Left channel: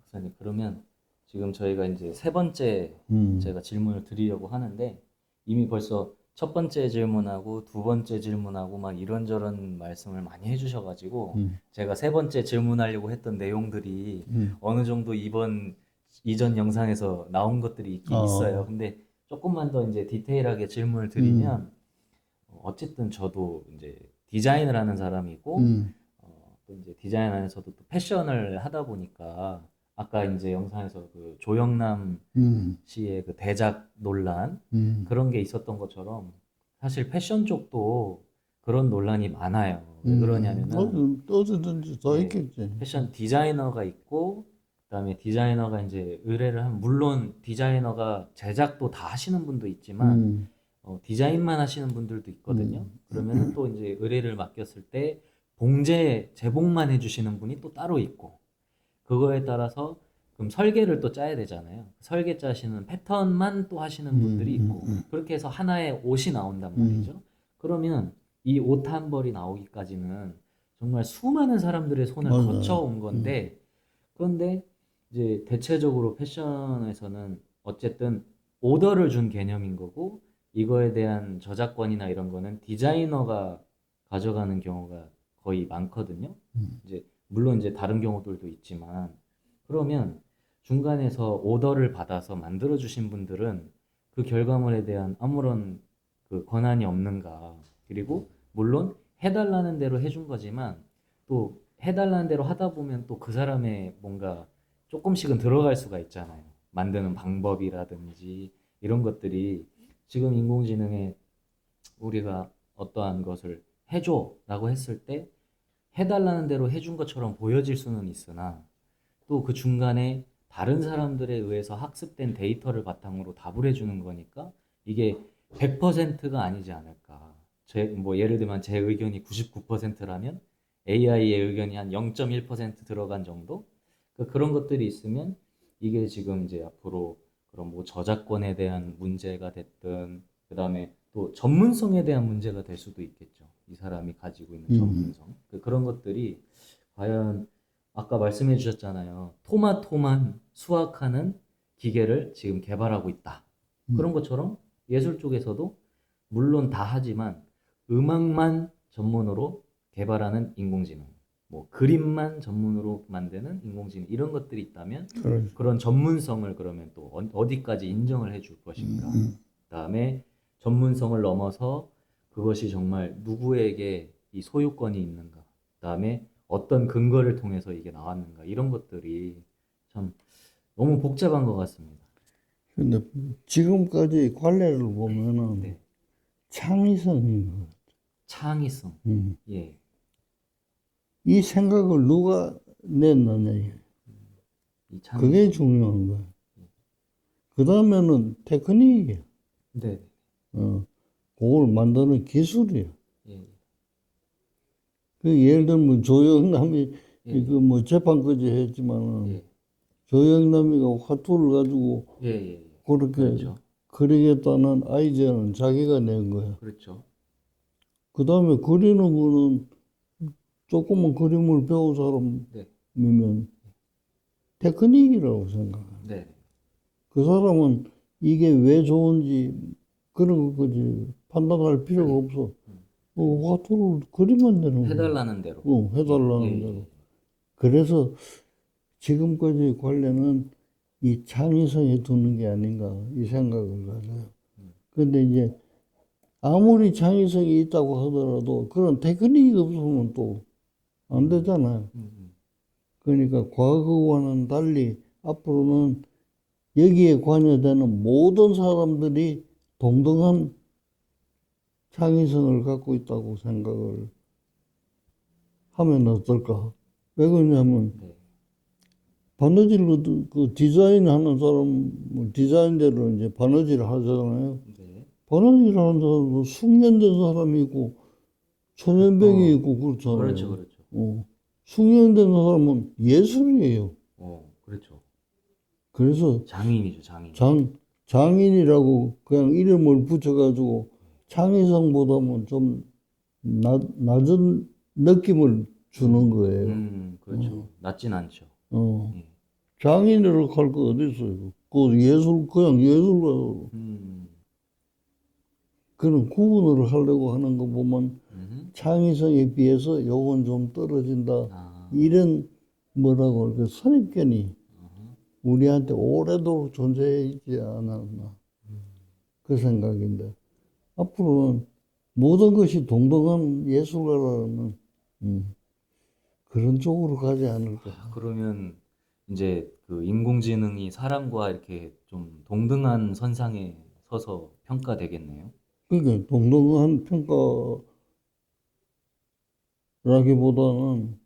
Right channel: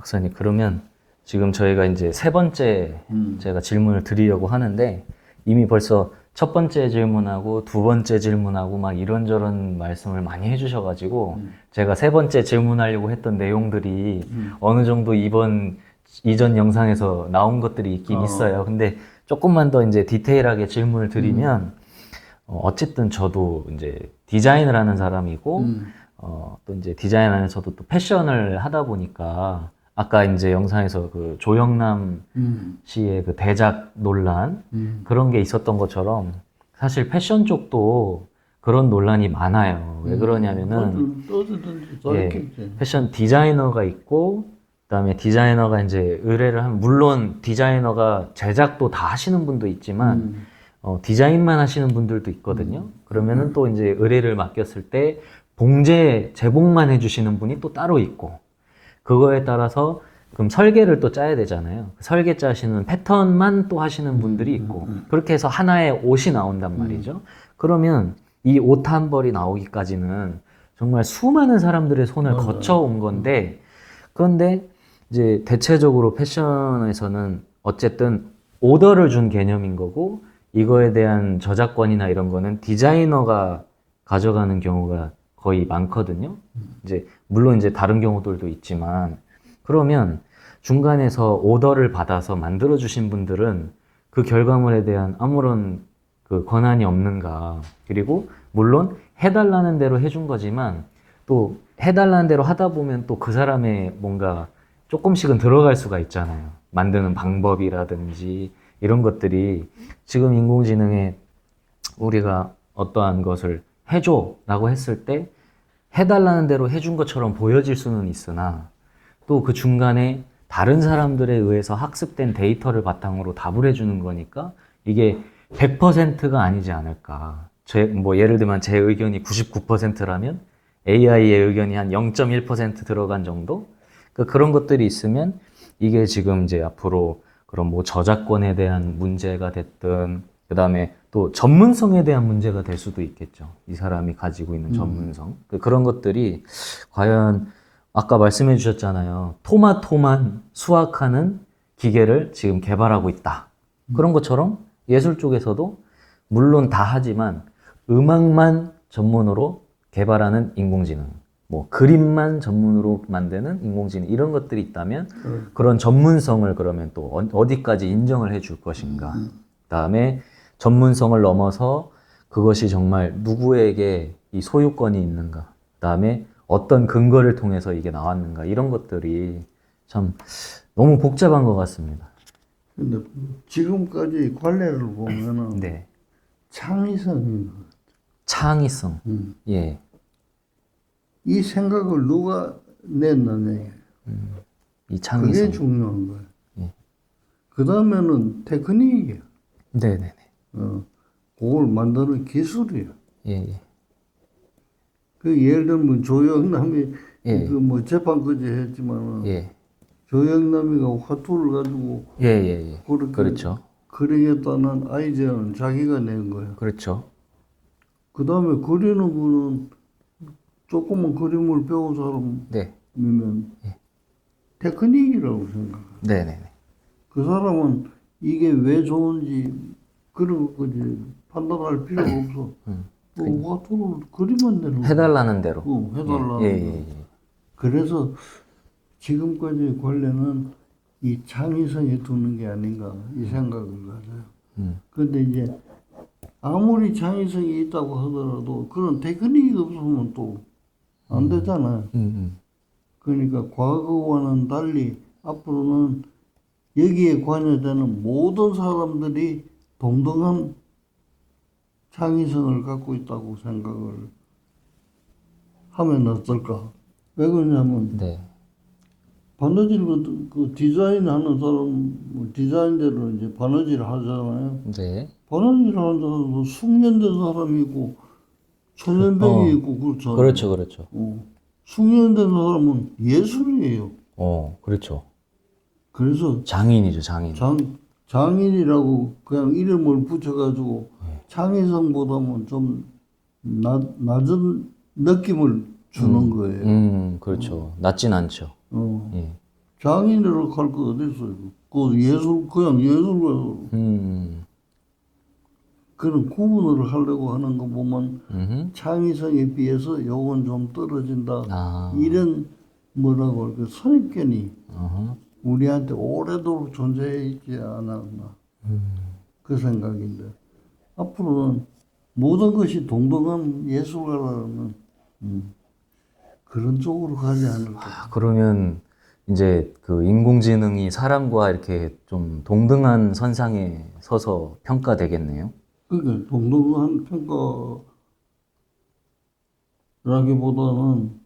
박사님, 그러면 지금 저희가 이제 세 번째 제가 질문을 드리려고 하는데 이미 벌써 첫 번째 질문하고 두 번째 질문하고 막 이런저런 말씀을 많이 해주셔가지고 제가 세 번째 질문하려고 했던 내용들이 어느 정도 이전 영상에서 나온 것들이 있긴 있어요. 근데 조금만 더 이제 디테일하게 질문을 드리면 어쨌든 저도 이제 디자인을 하는 사람이고 또 이제 디자인 안에서도 또 패션을 하다 보니까 아까 이제 영상에서 그 조영남 씨의 그 대작 논란 그런 게 있었던 것처럼 사실 패션 쪽도 그런 논란이 많아요. 왜 그러냐면은 어디든지 다 예, 있겠지. 패션 디자이너가 있고 그다음에 디자이너가 이제 의뢰를 하면 물론 디자이너가 제작도 다 하시는 분도 있지만 디자인만 하시는 분들도 있거든요. 그러면은 또 이제 의뢰를 맡겼을 때 제복만 해주시는 분이 또 따로 있고 그거에 따라서 그럼 설계를 또 짜야 되잖아요. 설계 짜시는 패턴만 또 하시는 분들이 있고 그렇게 해서 하나의 옷이 나온단 말이죠. 그러면 이 옷 한 벌이 나오기까지는 정말 수많은 사람들의 손을 맞아요. 거쳐온 건데 그런데 이제 대체적으로 패션에서는 어쨌든 오더를 준 개념인 거고 이거에 대한 저작권이나 이런 거는 디자이너가 가져가는 경우가 거의 많거든요. 이제 물론 이제 다른 경우들도 있지만 그러면 중간에서 오더를 받아서 만들어 주신 분들은 그 결과물에 대한 아무런 그 권한이 없는가. 그리고 물론 해달라는 대로 해준 거지만 또 해달라는 대로 하다 보면 또 그 사람의 뭔가 조금씩은 들어갈 수가 있잖아요. 만드는 방법이라든지 이런 것들이 지금 인공지능에 우리가 어떠한 것을 해줘라고 했을 때 해달라는 대로 해준 것처럼 보여질 수는 있으나 또 그 중간에 다른 사람들에 의해서 학습된 데이터를 바탕으로 답을 해주는 거니까 이게 100%가 아니지 않을까. 뭐 예를 들면 제 의견이 99%라면 AI의 의견이 한 0.1% 들어간 정도? 그러니까 그런 것들이 있으면 이게 지금 이제 앞으로 그런 뭐 저작권에 대한 문제가 됐든 그 다음에 또 전문성에 대한 문제가 될 수도 있겠죠. 이 사람이 가지고 있는 전문성. 그런 것들이 과연 아까 말씀해 주셨잖아요. 토마토만 수확하는 기계를 지금 개발하고 있다. 그런 것처럼 예술 쪽에서도 물론 다 하지만 음악만 전문으로 개발하는 인공지능, 뭐 그림만 전문으로 만드는 인공지능 이런 것들이 있다면 그런 전문성을 그러면 또 어디까지 인정을 해줄 것인가. 그다음에 전문성을 넘어서 그것이 정말 누구에게 이 소유권이 있는가. 그다음에 어떤 근거를 통해서 이게 나왔는가. 이런 것들이 참 너무 복잡한 것 같습니다. 근데 지금까지 관례를 보면은 네. 창의성인 것 같아요. 창의성. 예. 이 생각을 누가 냈느냐. 이 그게 창의성. 중요한 거예요. 예. 그 다음에는 테크닉이에요. 네네네. 그걸 만드는 기술이에요. 예, 예. 그 예를 들면 조영남이 예. 그 뭐 재판까지 했지만은 예. 조영남이가 화투를 가지고 예, 예, 예. 그렇게 그렇죠. 그리겠다는 아이디어는 자기가 낸 거예요. 그렇죠. 그 다음에 그리는 거는 조금만 그림을 배운 네. 사람이면 테크닉이라고 생각해요. 네네네. 그 사람은 이게 왜 좋은지 그런 것까지 판단할 필요가 없어. 화투를 그리면 되는 거야. 해달라는 대로. 해달라는 예, 거야. 예, 예. 그래서 지금까지 관례는 이 창의성에 두는 게 아닌가 이 생각을 가져요. 그런데 이제 아무리 창의성이 있다고 하더라도 그런 테크닉이 없으면 또 안 되잖아요. 그러니까 과거와는 달리 앞으로는 여기에 관여되는 모든 사람들이 동등한 창의성을 갖고 있다고 생각을 하면 어떨까? 왜 그러냐면 네. 바느질로 그 디자인하는 사람 뭐 디자인대로 이제 바느질 하잖아요. 네. 바느질 하는 사람은 숙련된 사람이 있고 초년병이 있고 그렇잖아요. 그렇죠, 그렇죠. 숙련된 사람은 예술이에요. 그렇죠. 그래서 장인이죠, 장인. 장인이라고 그냥 이름을 붙여가지고 창의성보다는 좀 낮은 느낌을 주는 거예요. 그렇죠. 낮진 않죠. 어. 예. 장인으로 갈 거 어디 있어요? 그 예술 그냥 예술가 그런 구분을 하려고 하는 거 보면 창의성에 비해서 요건 좀 떨어진다. 아, 이런 뭐라고 할까 선입견이 어허. 우리한테 오래도록 존재해 있지 않았나 그 생각인데 앞으로는 모든 것이 동등한 예술가라는 그런 쪽으로 가지 않을까. 아, 그러면 이제 그 인공지능이 사람과 이렇게 좀 동등한 선상에 서서 평가되겠네요. 그러니까 동등한 평가라기보다는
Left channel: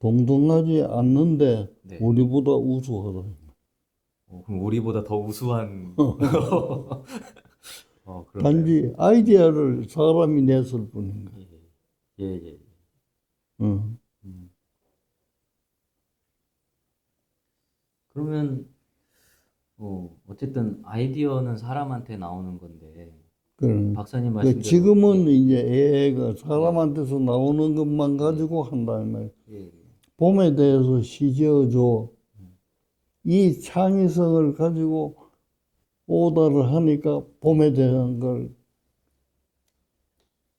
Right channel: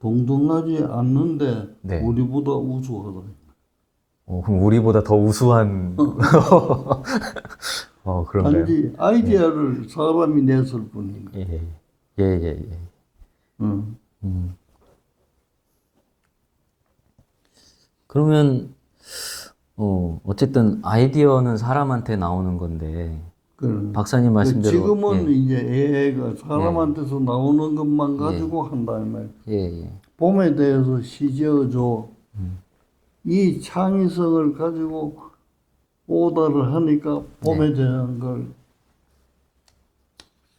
동등하지 않는데 네. 우리보다 우수하다. 그럼 우리보다 더 우수한, 그런가요? 단지 아이디어를 사람이 냈을 뿐이니까. 예, 예, 예, 예. 응. 음. 그러면, 어쨌든 아이디어는 사람한테 나오는 건데, 그런. 박사님 근데 말씀대로, 지금은 예, 이제 AI가 사람한테서 나오는 것만 가지고 한다는 말. 예, 예. 봄에 대해서 시지어줘. 이 창의성을 가지고 오더를 하니까 봄에 대한 걸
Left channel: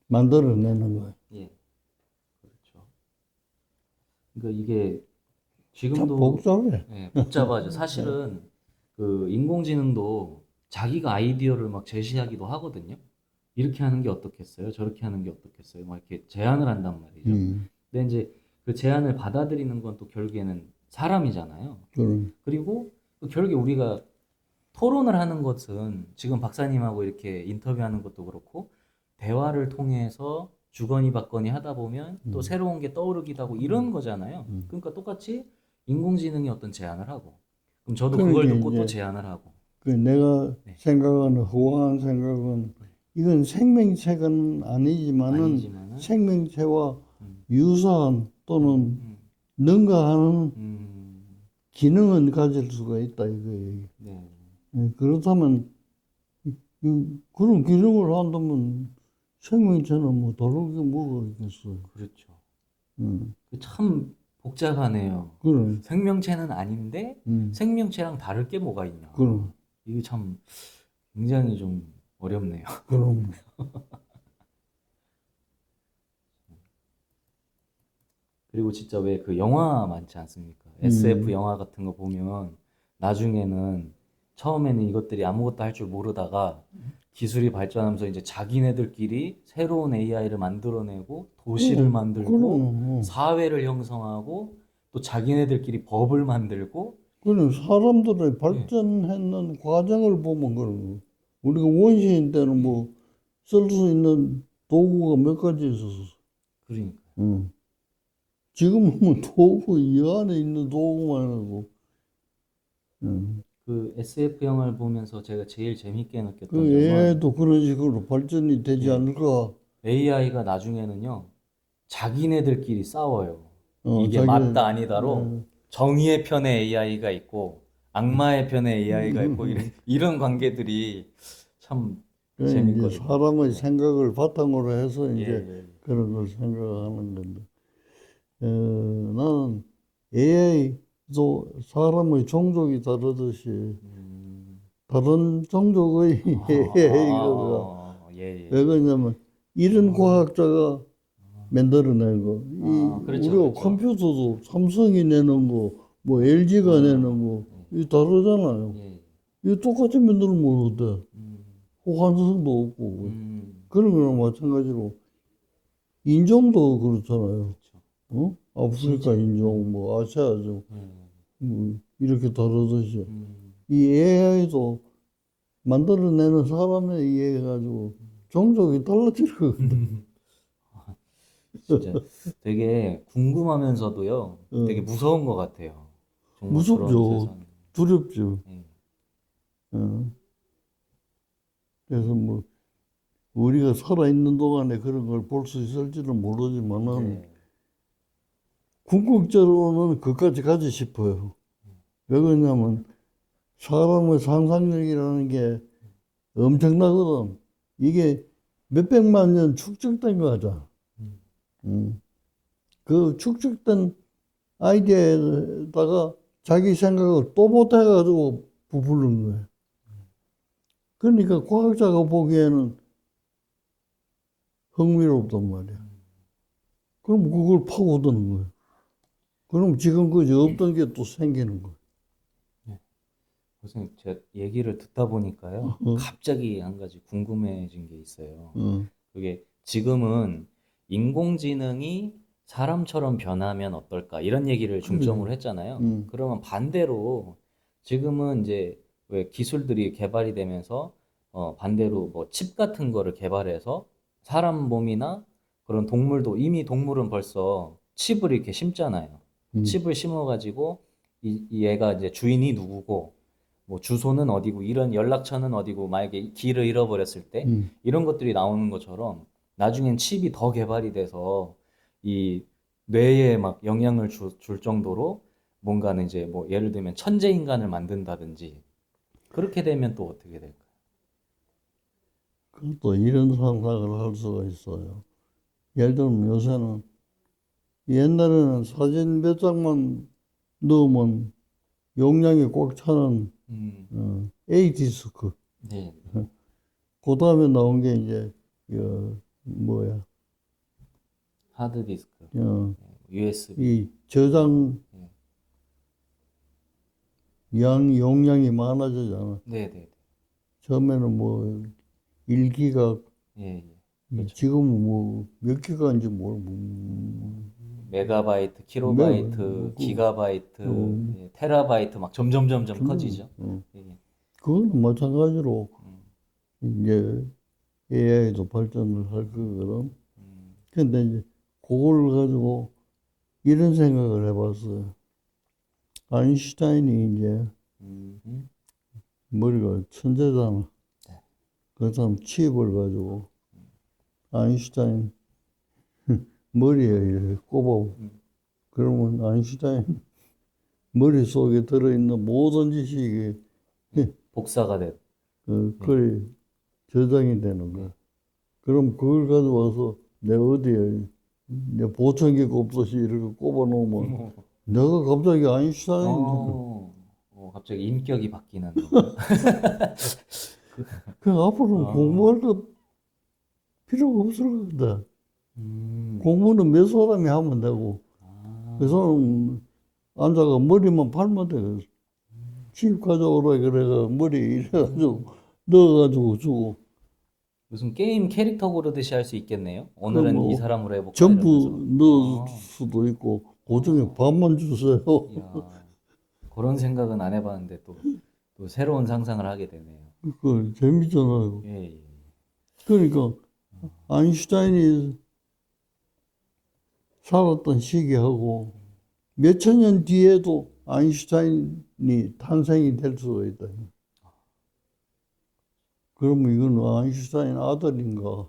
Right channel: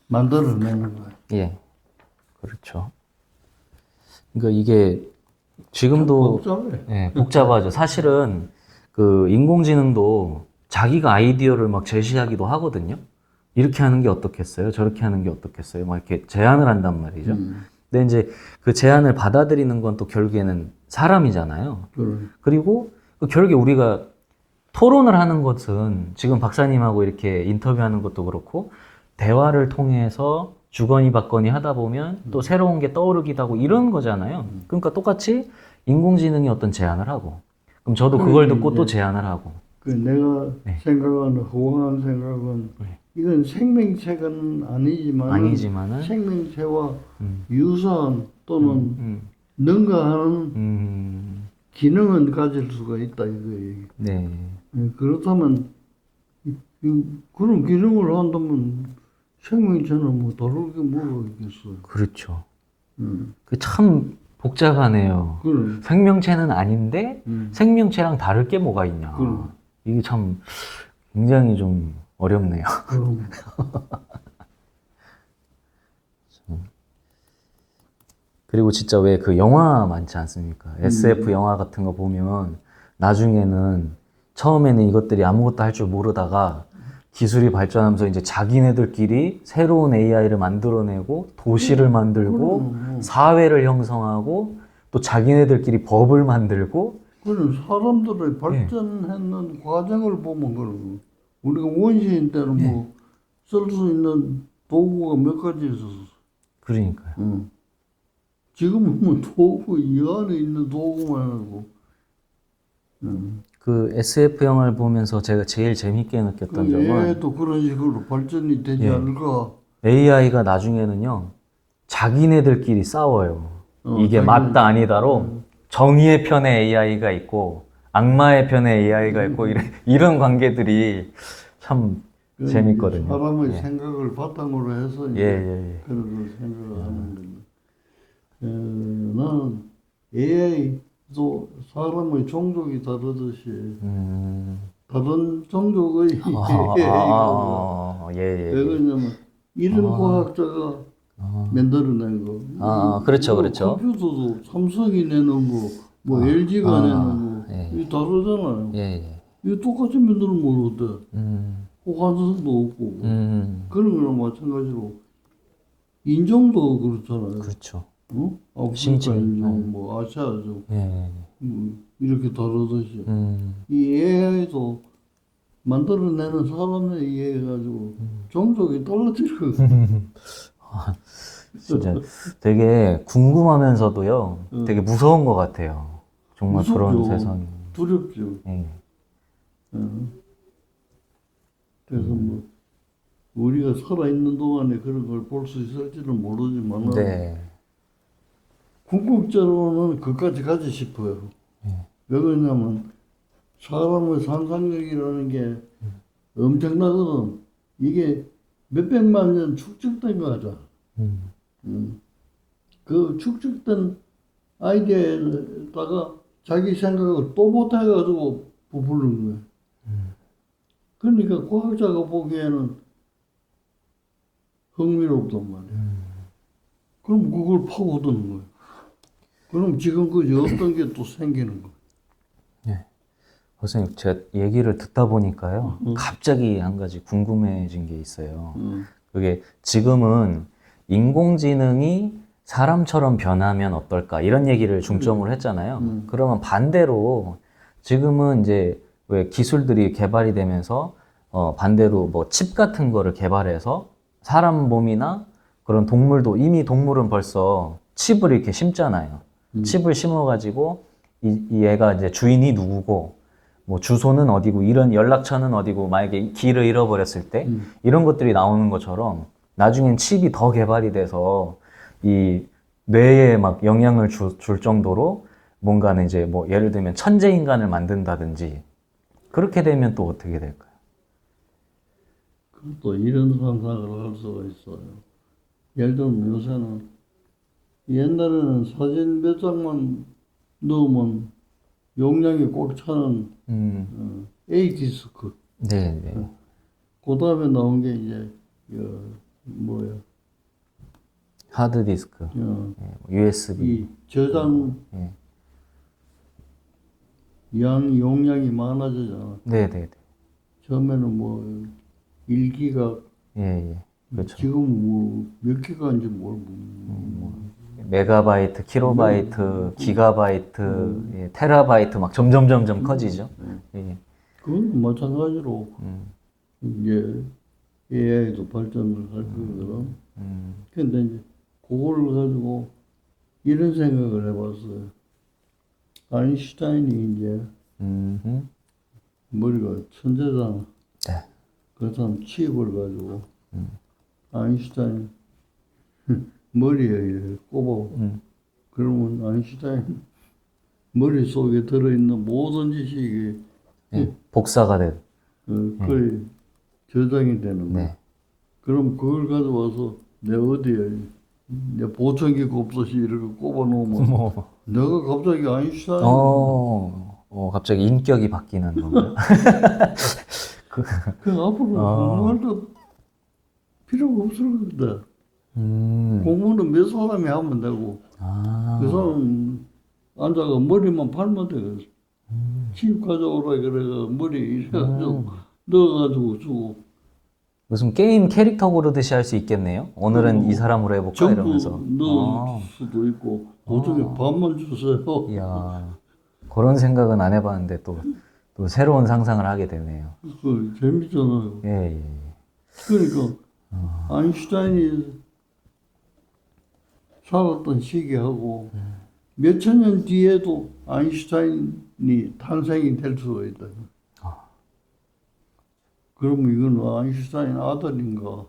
만들어내는 거예요. 예, 그렇죠. 그러니까 이게 참 지금도 복잡해. 예, 복잡하죠. 사실은 그 인공지능도 자기가 아이디어를 막 제시하기도 하거든요. 이렇게 하는 게 어떻겠어요? 저렇게 하는 게 어떻겠어요? 막 이렇게 제안을 한단 말이죠. 근데 이제 그 제안을 받아들이는 건 또 결국에는 사람이잖아요. 그런. 그리고 그 결국에 우리가 토론을 하는 것은 지금 박사님하고 이렇게 인터뷰하는 것도 그렇고 대화를 통해서 주거니 받거니 하다 보면 또 새로운 게 떠오르기도 하고 이런 거잖아요. 그러니까 똑같이 인공지능이 어떤 제안을 하고 그럼 저도 그걸 듣고 또 제안을 하고 그 내가 네. 생각하는 허황한 생각은 이건 생명체는 아니지만은 아니지만은 생명체와 유사한 또는 음, 능가하는 음, 기능은 가질 수가 있다 이거예요. 네. 그렇다면 그런 기능을 한다면 생명체는 뭐 다를 게 뭐가 있겠어요. 그렇죠. 음. 그 참 복잡하네요. 그래. 생명체는 아닌데 생명체랑 다를 게 뭐가 있냐. 그럼. 이게 참 굉장히 좀 어렵네요. 그럼. 그리고 진짜 왜 그 영화 많지 않습니까? SF 영화 같은 거 보면 나중에는 처음에는 이것들이 아무것도 할 줄 모르다가 기술이 발전하면서 이제 자기네들끼리 새로운 AI를 만들어내고 도시를 만들고 사회를 형성하고 또 자기네들끼리 법을 만들고 그런 사람들의 발전했는 과정을 보면 그런 거. 우리가 원시인 때는 뭐 쓸 수 있는 도구가 몇 가지 있었어. 그러니까요. 지금은 뭐 도구 이 안에 있는 도구만 하고. 그 SF 영화를 보면서 제가 제일 재밌게 느꼈던 그 점은 애도 그런 식으로 발전이 되지 않을까? AI가 나중에는요 자기네들끼리 싸워요. 이게 자기- 맞다 아니다로 정의의 편에 AI가 있고 악마의 편에 AI가 있고 이런 관계들이 참 그건 재밌거든요. 이제 사람의 생각을 바탕으로 해서 이제 예. 그런 걸 생각하는 건데. 나는 AI도 사람의 종족이 다르듯이 다른 종족의 AI가 예. 왜 그러냐면 이런 과학자가 만들어낸 거. 그렇죠, 우리가 그렇죠. 컴퓨터도 삼성이 내는 거, 뭐 LG가 내는 거, 이 다르잖아요. 예. 이거 똑같이 만들면 모르대. 호환성도 없고 그런 거랑 마찬가지로 인종도 그렇잖아요. 그렇죠. 응? 아프리카 인종, 뭐 아시아족 이렇게 다르듯이 이 AI도 만들어내는 사람에 의해 가지고 종족이 달라지고 진짜 되게 궁금하면서도요, 되게 무서운 것 같아요. 정말 그런 무섭죠. 세상이. 두렵죠. 예. 응. 그래서 뭐 우리가 살아있는 동안에 그런 걸 볼 수 있을지는 모르지만 네. 궁극적으로는 그까지 가지 싶어요. 왜 그러냐면 사람의 상상력이라는 게 엄청나거든. 이게 몇백만 년 축적된 거잖아. 그 축적된 아이디어에다가 자기 생각을 뽀뽀해가지고 부풀는 거야. 그러니까 과학자가 보기에는 흥미롭단 말이야. 그럼 그걸 파고드는 거야. 그럼 지금까지 없던 게 또 생기는 거야. 선생님, 제 얘기를 듣다 보니까요, 응. 갑자기 한 가지 궁금해진 게 있어요. 응. 그게 지금은 인공지능이 사람처럼 변하면 어떨까 이런 얘기를 중점으로 했잖아요. 그러면 반대로 지금은 이제 왜 기술들이 개발이 되면서 반대로 뭐 칩 같은 거를 개발해서 사람 몸이나 그런 동물도 이미 동물은 벌써 칩을 이렇게 심잖아요. 칩을 심어가지고 이 얘가 이제 주인이 누구고 뭐 주소는 어디고 이런 연락처는 어디고 만약에 길을 잃어버렸을 때 이런 것들이 나오는 것처럼 나중엔 칩이 더 개발이 돼서 이 뇌에 막 영향을 줄 정도로 뭔가는 이제 뭐 예를 들면 천재 인간을 만든다든지 그렇게 되면 또 어떻게 될까요? 또 이런 상상을 할 수가 있어요. 예를 들면 요새는 옛날에는 사진 몇 장만 넣으면 용량이 꽉 차는 A디스크. 네, 네. 그 다음에 나온 게 이제 뭐야 하드 디스크, USB. 이 저장 네, 용량이 많아지잖아. 네, 네, 네. 처음에는 뭐 1기가 예, 예. 그렇죠. 지금 뭐 몇 기가인지 메가바이트, 킬로바이트, 기가바이트, 예, 테라바이트 막 점점 커지죠. 예. 그건 마찬가지로 이제 AI도 발전을 할 거거든. 근데 이제 그걸 가지고 이런 생각을 해봤어요. 아인슈타인이 이제 음흠. 머리가 천재잖아. 네. 그 사람 칩을 가지고 아인슈타인 머리에 이렇게 꼽아. 그러면 아인슈타인 머릿속에 들어있는 모든 지식이 예, 복사가 돼. 거의 저장이 되는 거야. 네. 그럼 그걸 가져와서 내 어디에 내 보청기가 없듯이 이렇게 꼽아 놓으면 뭐, 내가 갑자기 아인슈타인 갑자기 인격이 바뀌는 건가요? 그럼 앞으로 어. 공부할 것 필요가 없을 거다. 음. 공부는 몇 사람이 하면 되고 아. 그 사람 앉아가 머리만 팔면 돼. 칩 가져오라 그래가 머리 이래가지고 넣어가지고 주고 무슨 게임 캐릭터 고르듯이 할 수 있겠네요. 오늘은 이 사람으로 해볼까 전부 이러면서. 넣을 아. 수도 있고 그중에 반만 주세요. 이야. 그런 생각은 안 해봤는데 또 새로운 상상을 하게 되네요. 그 재밌잖아요. 예, 예. 그러니까 아인슈타인이 살았던 시기하고 몇천 년 뒤에도 아인슈타인이 탄생이 될 수가 있다. 그러면 이건 아인슈타인 아들인가?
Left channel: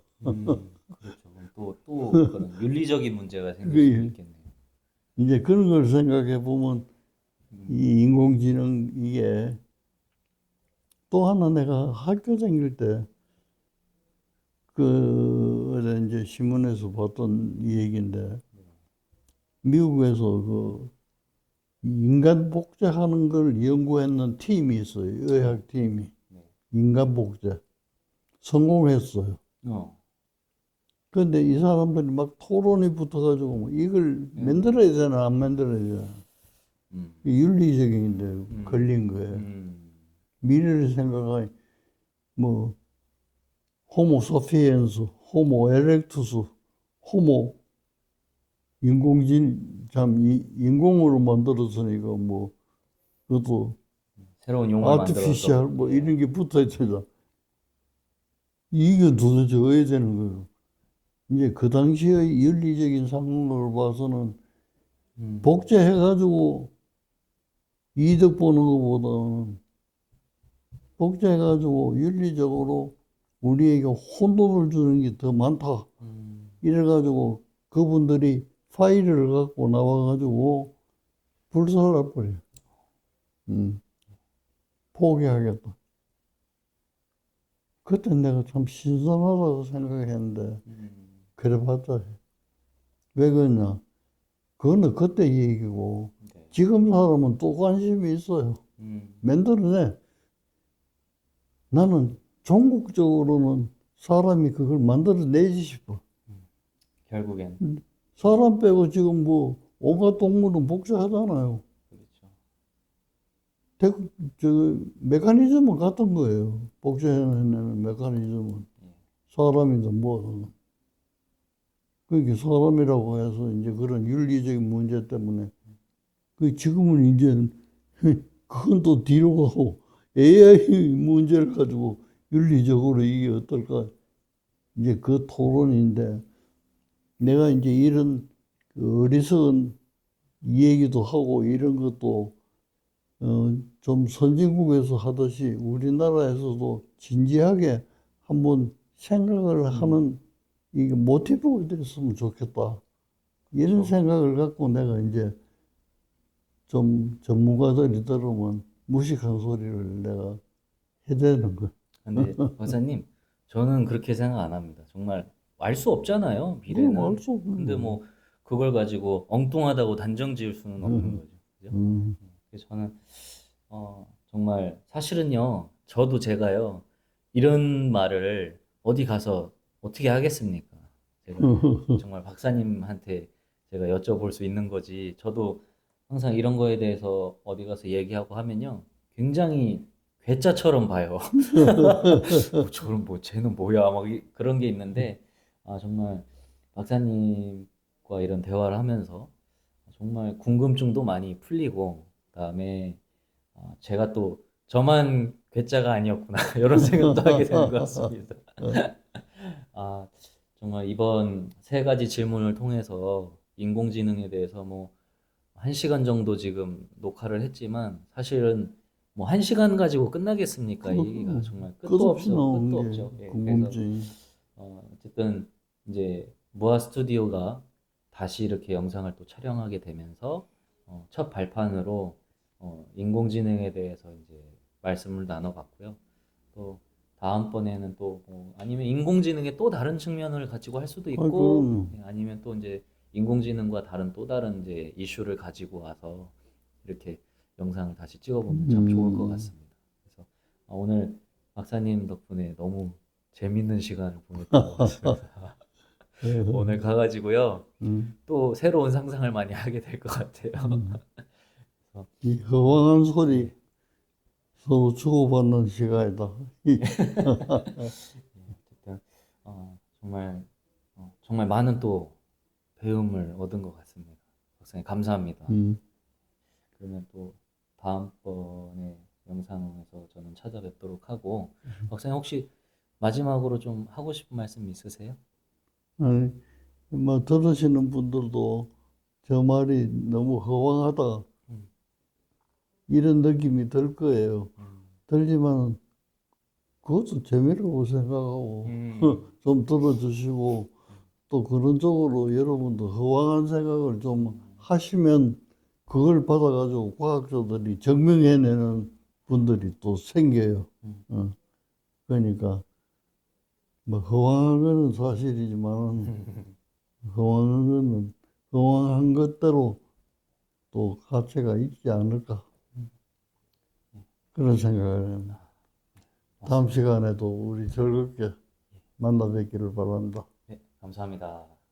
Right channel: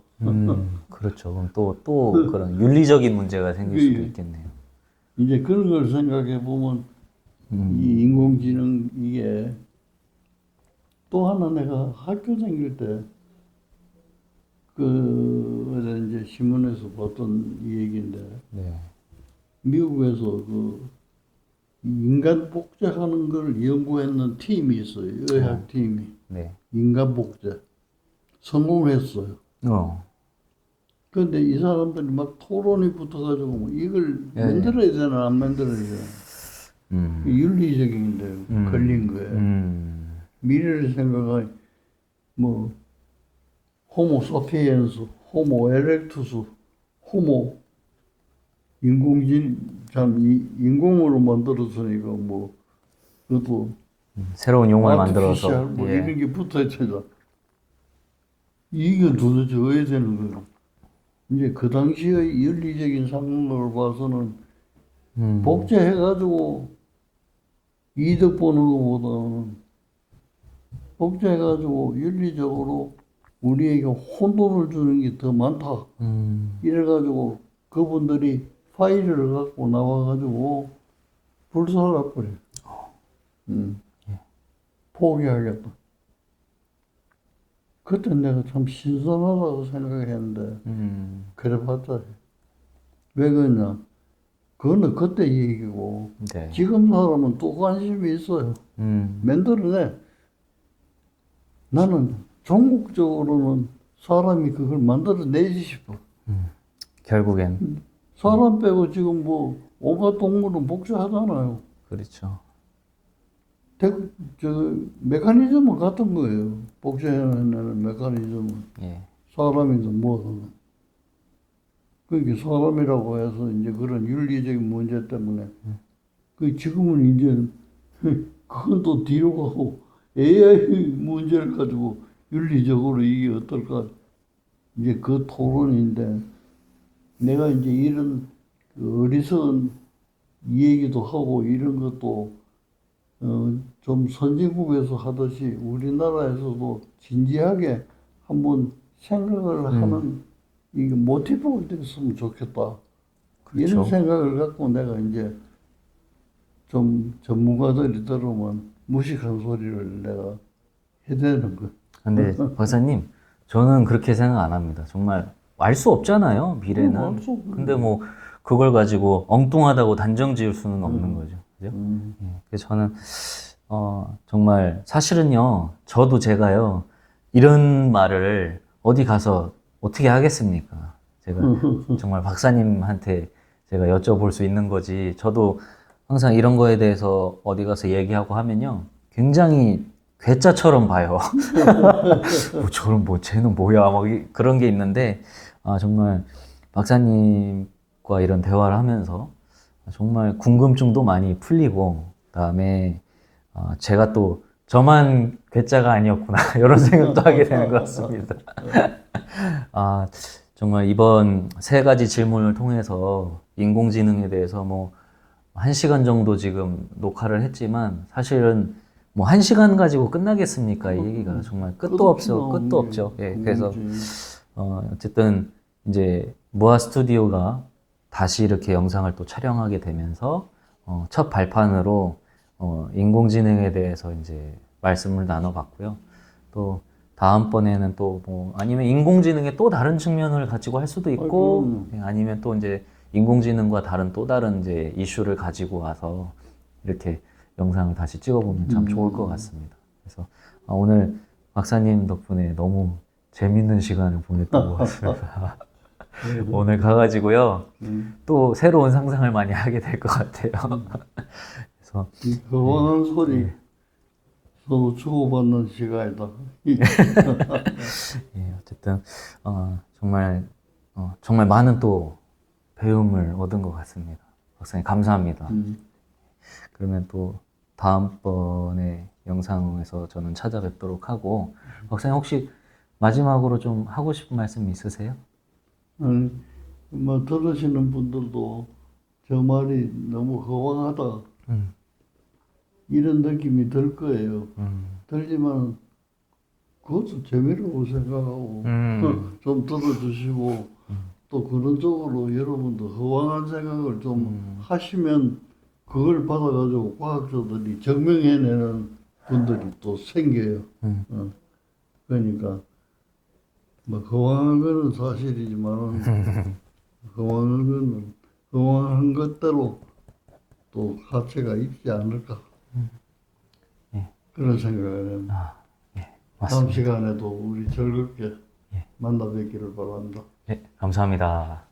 그렇죠. 그럼 또 그런 윤리적인 문제가 생길 수도 있겠네요. 이제 그런 걸 생각해 보면 이 인공지능 이게 또 하나 내가 학교 다닐 때 어제 이제 신문에서 봤던 이 얘기인데 네. 미국에서 그 인간 복제하는 걸 연구했는 팀이 있어요. 의학 팀이. 네. 인간 복제. 성공했어요. 그런데 이 사람들이 막 토론이 붙어가지고 뭐 이걸 만들어야 되나 안 만들어야 되나. 윤리적인데 걸린 거예요. 미래를 생각하니 뭐 호모 사피엔스, 호모 에렉투스, 호모 인공으로 만들었으니까 뭐 그것도 새로운 용어를 만들어서 아티피셜 뭐 예. 이런 게 붙어있잖아. 이게 도대체 어야 되는 거예요. 이제 그 당시의 윤리적인 상황을 봐서는 복제해가지고 이득 보는 것보다는 복제해가지고 윤리적으로 우리에게 혼돈을 주는 게 더 많다. 이래가지고 그분들이 파일을 갖고 나와가지고 불살라버려요. 포기하겠다. 그때 내가 참 신선하다고 생각했는데 그래봤자 왜 그러냐. 그거는 그때 얘기고 네. 지금 사람은 또 관심이 있어요. 만들어내. 나는 종국적으로는 사람이 그걸 만들어내지 싶어. 결국엔 사람 빼고 지금 뭐 온갖 동물은 복제하잖아요. 그렇죠. 저 메커니즘은 같은 거예요. 복제해내는 메커니즘은 예. 사람이든 뭐든. 그러니까 사람이라고 해서 이제 그런 윤리적인 문제 때문에 그 지금은 이제 그건 또 뒤로 가고 AI 문제를 가지고 윤리적으로 이게 어떨까 이제 그 토론인데 내가 이제 이런 그 어리석은 얘기도 하고 이런 것도 좀 선진국에서 하듯이 우리나라에서도 진지하게 한번 생각을 하는 이게 모티브가 됐으면 좋겠다. 이런 그렇죠. 생각을 갖고 내가 이제 좀 전문가들이 들으면 무식한 소리를 내가 해야 되는 거. 근데 박사님, 저는 그렇게 생각 안 합니다. 정말 알 수 없잖아요, 미래는. 알수 없는 근데 거예요. 뭐 그걸 가지고 엉뚱하다고 단정 지을 수는 없는 거죠. 그죠? 음, 그래서 저는 정말 사실은요, 저도 제가요, 이런 말을 어디 가서 어떻게 하겠습니까? 제가 정말 박사님한테 제가 여쭤볼 수 있는 거지. 저도 항상 이런 거에 대해서 어디 가서 얘기하고 하면요, 굉장히 괴짜처럼 봐요. 뭐 저런 뭐 쟤는 뭐야 막 그런 게 있는데 정말 박사님과 이런 대화를 하면서 정말 궁금증도 많이 풀리고 그다음에 제가 또 저만 괴짜가 아니었구나 이런 생각도 하게 되는 것 같습니다. 아 정말 이번 세 가지 질문을 통해서 인공지능에 대해서 뭐 1시간 정도 지금 녹화를 했지만 사실은 뭐 1시간 가지고 끝나겠습니까? 이 얘기가 정말 끝도 끝없이 없어, 나오는 끝도 게 없죠. 예, 그래서 궁금증. 어쨌든 이제 무아 스튜디오가 다시 이렇게 영상을 또 촬영하게 되면서 첫 발판으로 인공지능에 대해서 이제 말씀을 나눠봤고요. 또 다음번에는 또 뭐 아니면 인공지능의 또 다른 측면을 가지고 할 수도 아, 있고 그럼 아니면 또 이제 인공지능과 다른 또 다른 이제 이슈를 가지고 와서 이렇게 영상을 다시 찍어보면 참 좋을 것 같습니다. 그래서 오늘 박사님 덕분에 너무 재밌는 시간을 보냈던 것 같습니다. 오늘 가가지고요 또 새로운 상상을 많이 하게 될 것 같아요. 그래서 이 허황한 소리 서로 주고받는 시간이다. 어쨌든 정말 정말 많은 또 배움을 얻은 것 같습니다. 박사님 감사합니다. 음. 그러면 또 다음번에 영상에서 저는 찾아뵙도록 하고 박사님 혹시 마지막으로 좀 하고 싶은 말씀 있으세요? 아니, 뭐 들으시는 분들도 저 말이 너무 허황하다 음, 이런 느낌이 들 거예요. 음, 들지만 그것도 재미라고 생각하고 음, 좀 들어주시고 또 그런 쪽으로 여러분도 허황한 생각을 좀 하시면 그걸 받아가지고 과학자들이 증명해내는 분들이 또 생겨요. 음. 그러니까 뭐 허황한 거는 사실이지만 허황한 거는 허황한 것대로 또 가치가 있지 않을까 예, 그런 생각을 해요. 예, 다음 맞습니다. 시간에도 우리 즐겁게 만나 뵙기를 바랍니다. 예, 감사합니다.